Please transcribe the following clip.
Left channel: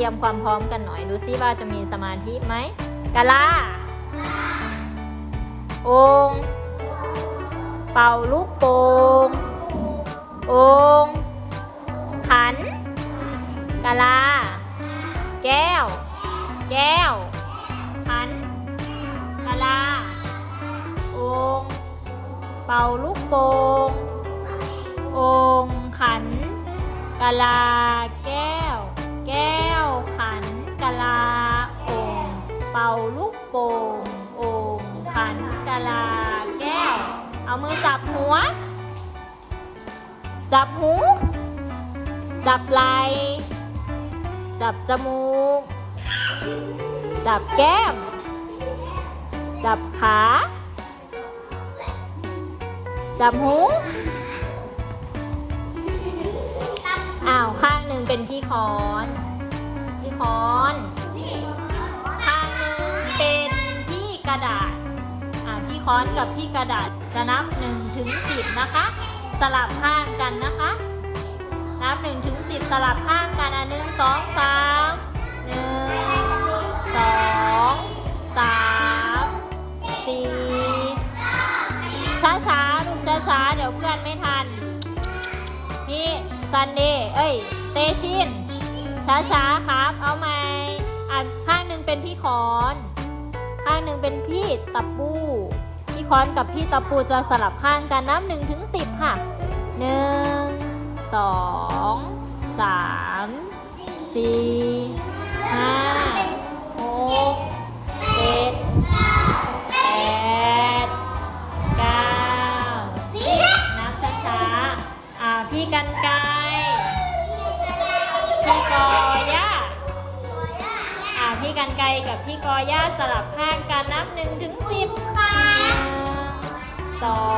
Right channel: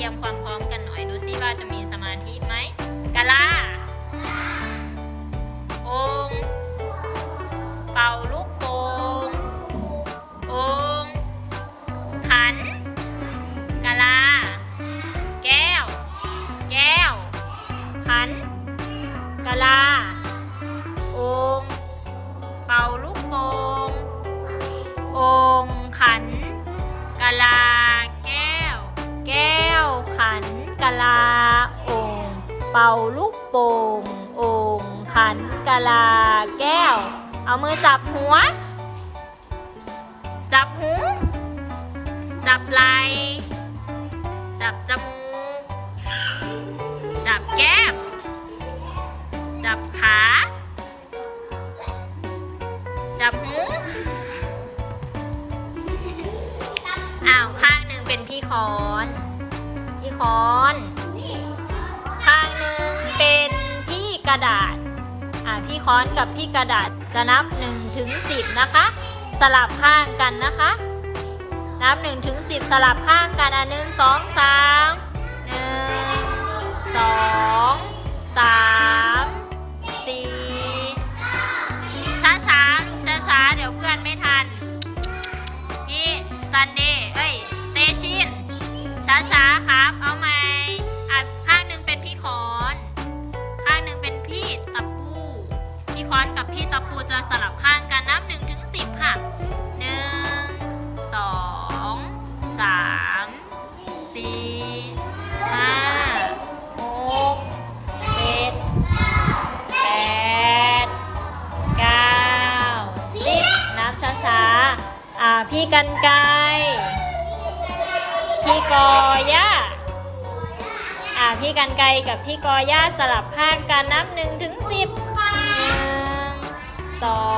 ตรียมความพร้อมกันหน่อย ดูซิว่าจะมีสมาธิไหมกะลาองเป่าลูกโป่งองค์หันกะลา แก้ว แก้วหันกะลาองเป่าลูกโป่งองขันกะลา ลาองค์เป่าลูกโป่งองค์ขันกะลาแก้ว เอามือจับหัว จับหู จับไหลจับจมูก จับแก้ม จับขา จับหูอ้าวข้างหนึ่งเป็นพี่คอน คอนข้างหนึ่งเป็นพี่กระดาษอ่าพี่ค้อนกับพี่กระดาษจะนับหนึ่งถึงสิบนะคะ สลับข้างกันนะคะ นับหนึ่งถึงสิบสลับข้างกันอะหนึ่งสองสามหนึ่งสองสามสี่ช้าช้าลูกช้าช้าเดี๋ยวเพื่อนไม่ทันพี่ซันเดย์เอ้ย เตชิน ช้าช้าๆครับ เอาไหมอะข้างหนึ่งเป็นพี่คอน ข้างหนึ่งเป็นพี่ตะปู พี่คอนกับพี่ตะปูจะสลับข้างกันนับหนึ่งถึงสิบค่ะหนึ่งสองสามสี่ห้าหกเจ็ดแปดเก้าสิบนับช้าๆอ่าพี่กันไกร พี่กอย่าอ่าพี่กันไกรกับพี่กอย่าสลับข้างกันนับหนึ่งถึงสิบหนึ่งสอง